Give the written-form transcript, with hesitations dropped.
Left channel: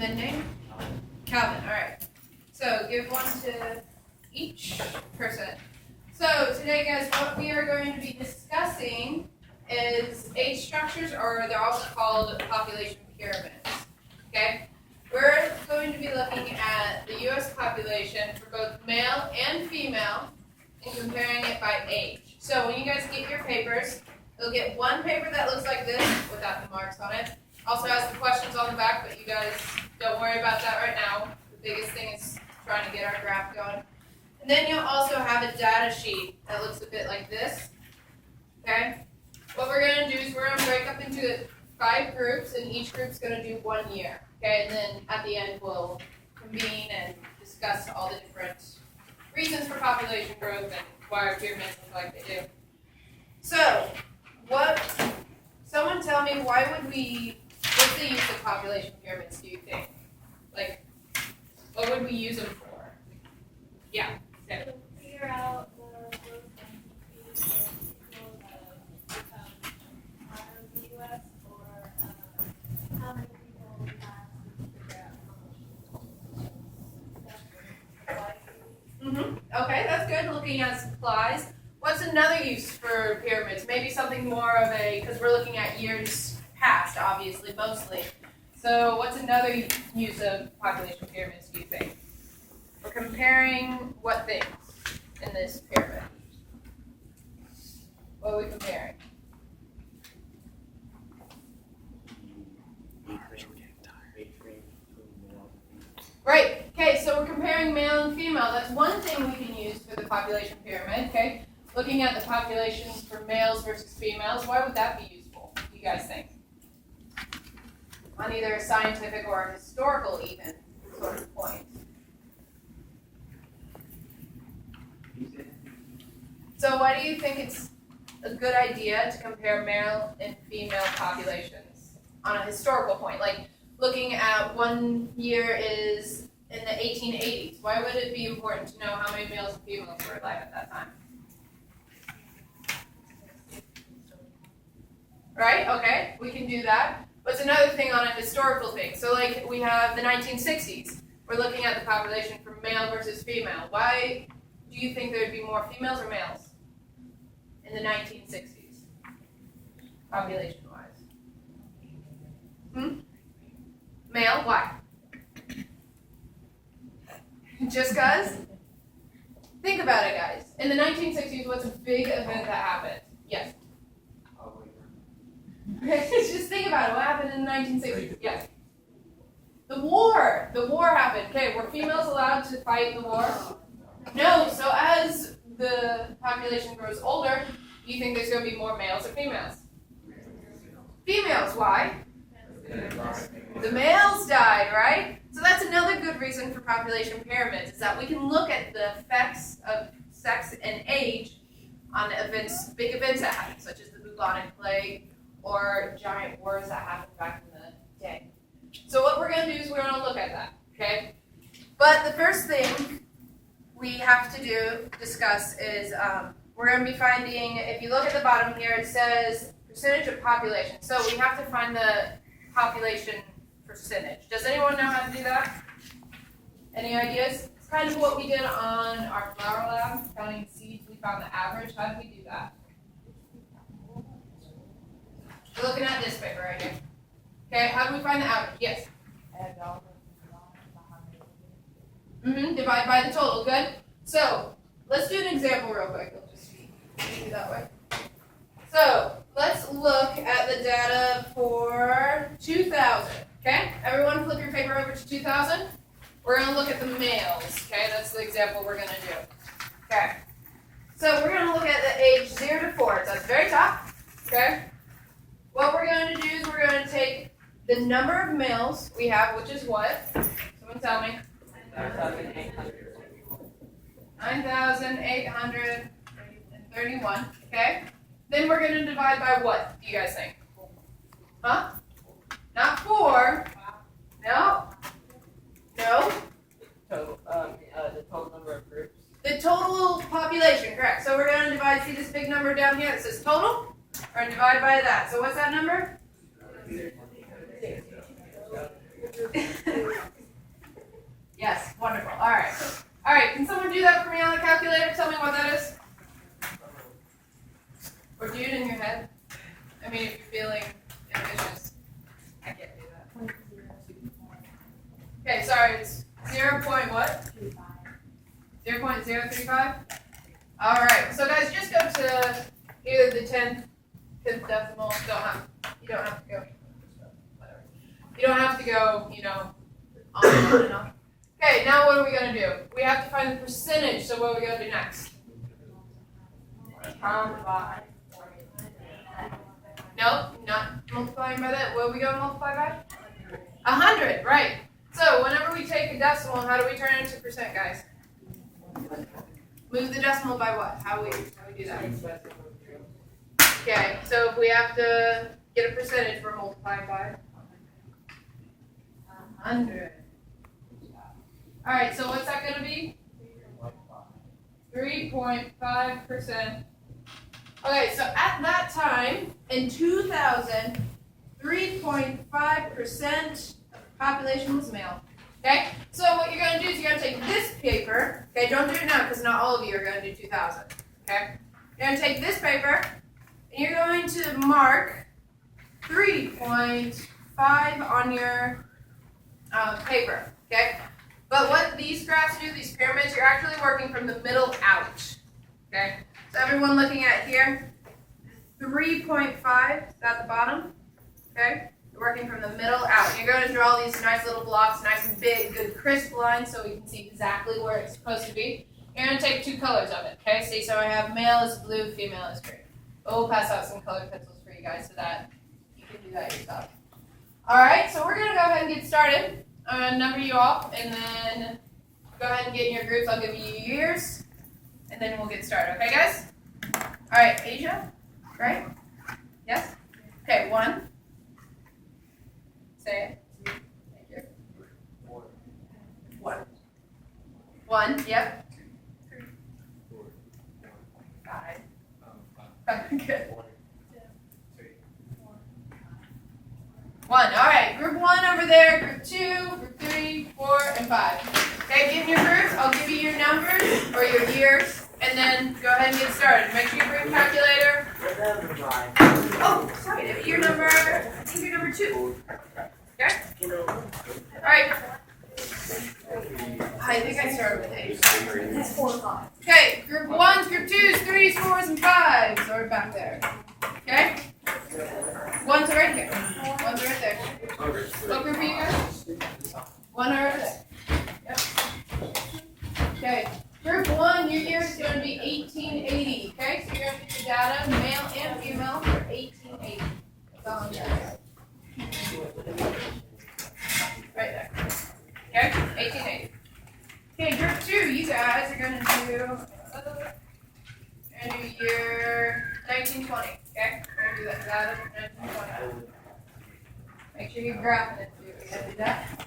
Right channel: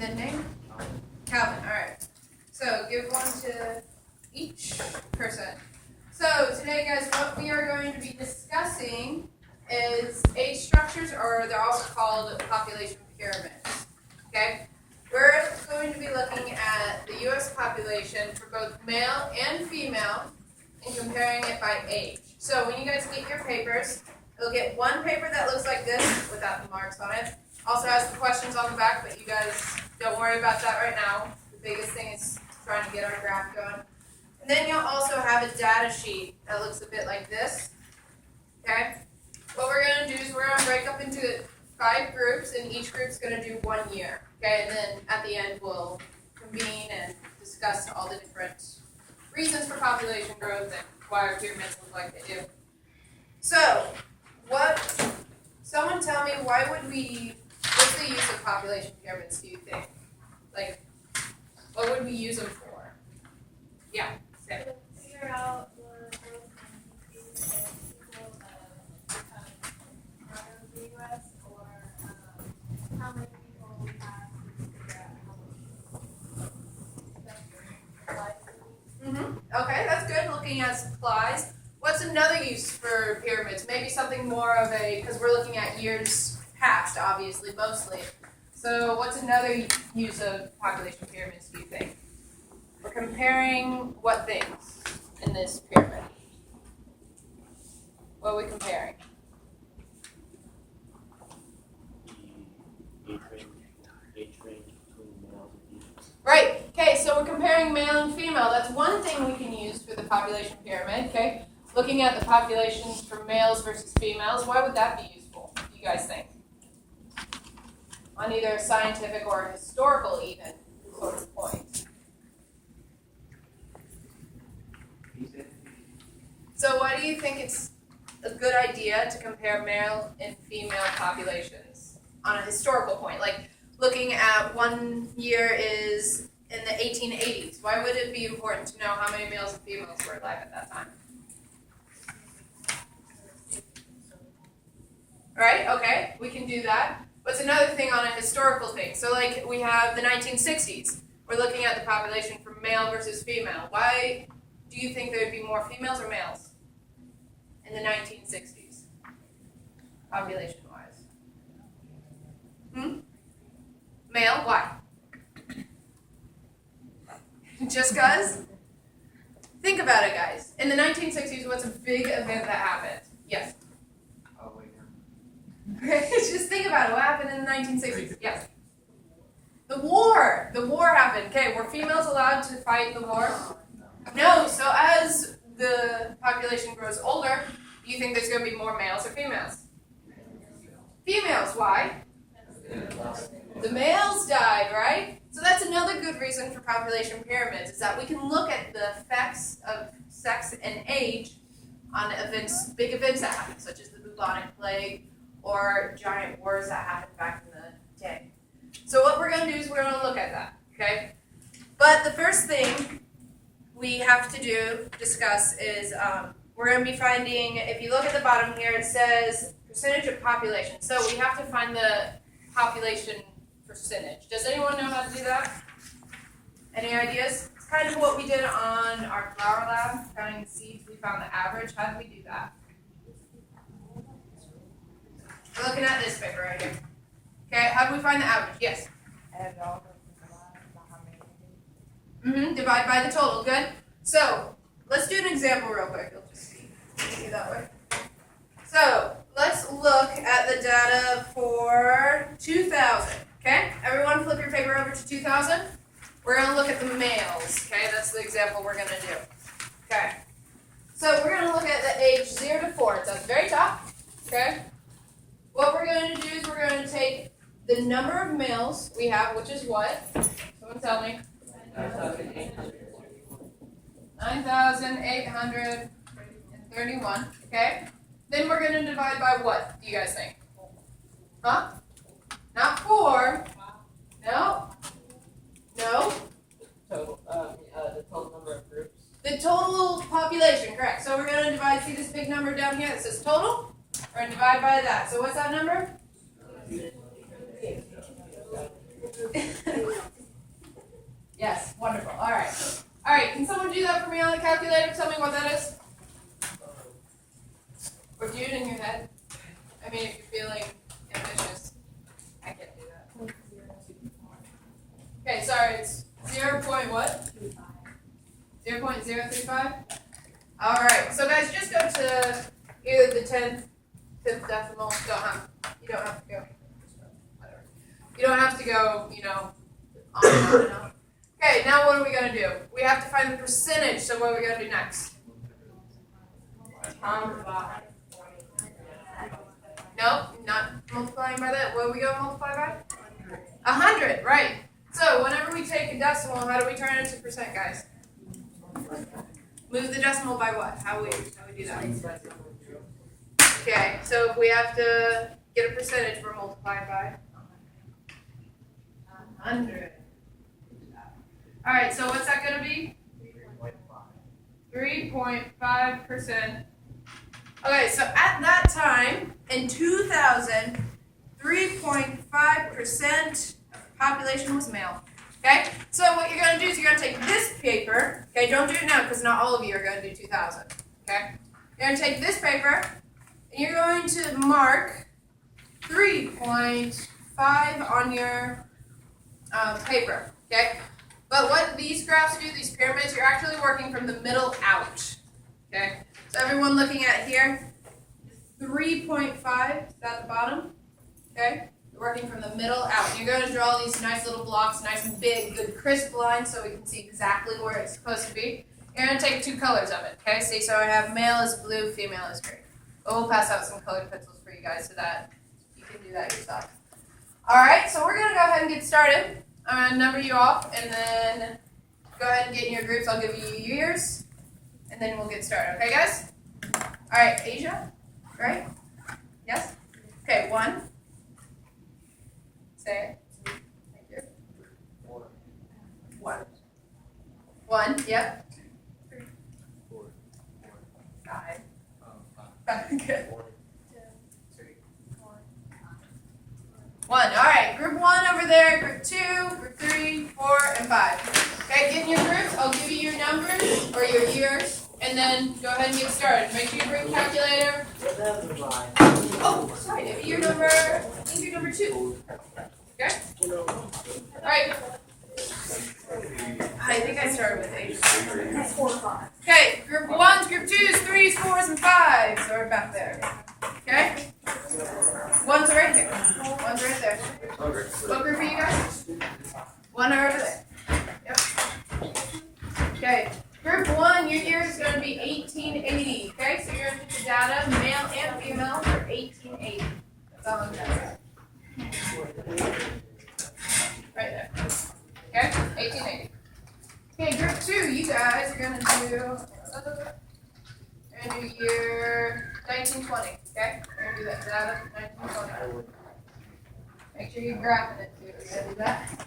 And then name? Calvin, all right. So give one to each person. So today, guys, what we are going to be discussing is age structures, or they're also called population pyramids. Okay? We're going to be looking at the U.S. population for both male and female and comparing it by age. So when you guys get your papers, you'll get one paper that looks like this without the marks on it. Also has the questions on the back, but you guys don't worry about that right now. The biggest thing is trying to get our graph going. And then you'll also have a data sheet that looks a bit like this. Okay? What we're going to do is we're going to break up into 5 groups, and each group's going to do 1 year. Okay? And then at the end, we'll convene and discuss all the different reasons for population growth and why our pyramids look like they do. So, someone tell me, what's the use of population pyramids, do you think? Like, what would we use them for? Yeah, Sam. To figure out the growth and increase of people that become part of the U.S. or how many people we have to figure out how much that's Okay, that's good, looking at supplies. What's another use for pyramids? Maybe something more of because we're looking at years past, obviously, mostly. So what's another use of population pyramids, do you think? We're comparing what things in this pyramid? What are we comparing? Right, okay, so we're comparing male and female. That's one thing we can use for the population pyramid, okay? Looking at the populations for males versus females, why would that be useful, do you guys think? On either a scientific or a historical even sort of point. So why do you think it's a good idea to compare male and female populations on a historical point? Like looking at 1 year is in the 1880s. Why would it be important to know how many males and females were alive at that time? Right, okay, we can do that. What's another thing on a historical thing? So like we have the 1960s. We're looking at the population for male versus female. Why do you think there'd be more females or males in the 1960s, population-wise? Male, why? Just cause? Think about it, guys. In the 1960s, what's a big event that happened? Yes? Just think about it. What happened in the 1960s? Yes. The war. The war happened. Okay, were females allowed to fight in the war? No. So as the population grows older, do you think there's going to be more males or females? Females. Why? The males died, right? So that's another good reason for population pyramids, is that we can look at the effects of sex and age on events, big events that happened, such as the bubonic plague, or giant wars that happened back in the day. So what we're going to do is we're going to look at that, okay? But the first thing we have to discuss is we're going to be finding, if you look at the bottom here, it says percentage of population. So we have to find the population percentage. Does anyone know how to do that? Any ideas? It's kind of what we did on our flower lab, counting the seeds. We found the average. How did we do that? We're looking at this paper right here. Okay, how do we find the average? Yes? Divide by the total. Good. So, let's do an example real quick. It'll just be easier that way. So, let's look at the data for 2000. Okay? Everyone flip your paper over to 2000. We're going to look at the males. Okay? That's the example we're going to do. Okay? So, we're going to look at the age 0 to 4. It's at the very top. Okay? What we're going to do is we're going to take the number of males we have, which is what? Someone tell me. 9,831. Okay? Then we're going to divide by what, do you guys think? Huh? Not 4. No. No. The total number of groups. The total population, correct. So we're going to divide, see this big number down here that says total? Or divide by that. So what's that number? someone do that for me on the calculator? Tell me what that is. Or do it in your head. I mean, if you're feeling ambitious, I can't do that. Okay, sorry, it's 0. What? 0.035? Alright, so guys, just go to either the 10th decimal. You don't have to go. Whatever. You don't have to go, on and on and on. Okay, now what are we going to do? We have to find the percentage, so what are we going to do next? Nope, not multiplying by that. What are we going to multiply by? 100, right. So whenever we take a decimal, how do we turn it into percent, guys? Move the decimal by what? How we do that? Okay, so if we have to get a percentage, we're multiplying by 100. All right, so what's that going to be? 3.5%. Okay, so at that time, in 2000, 3.5% of the population was male. Okay, so what you're going to do is you're going to take this paper. Okay, don't do it now because not all of you are going to do 2000. Okay, you're going to take this paper and you're going to mark 3.5 on your paper. Okay, but what these graphs do, these pyramids, you're actually working from the middle out. Okay, so everyone looking at here, 3.5 is at the bottom. Okay. Working from the middle out. You're going to draw these nice little blocks, nice and big, good crisp lines so we can see exactly where it's supposed to be. You're going to take 2 colors of it, okay? See, so I have male is blue, female is green. We'll pass out some colored pencils for you guys so that you can do that yourself. All right, so we're going to go ahead and get started. I'm going to number you off and then go ahead and get in your groups. I'll give you your years and then we'll get started, okay, guys? All right, Asia, right? Yes? Okay, 1. Say it. Thank you. 1. 1, yep. 5. 5, good. 1, all right. Group 1 over there, group 2, group 3, 4, and 5. Okay, get in your groups. I'll give you your numbers or your years, and then go ahead and get started. Make sure you bring a calculator. Oh, sorry, that'd be your number, I think your number 2. Okay? Alright. I think I started with 8. 4 and 5. Okay, group 1s, group 2s, 3s, 4s, and 5s are back there. Okay? 1s are right here. 1s are right there. What group are you guys? 1 are over there. Yep. Okay. Group 1, your year is going to be 1880. Okay, so you're going to get the data, male and female, for 1880. That's all I'm going to say. Right there. Okay, 1880. Okay, group 2, you guys are going to do year 1920. Okay, we're going to do that data 1920. Make sure you're graphing it too. We're going to do that.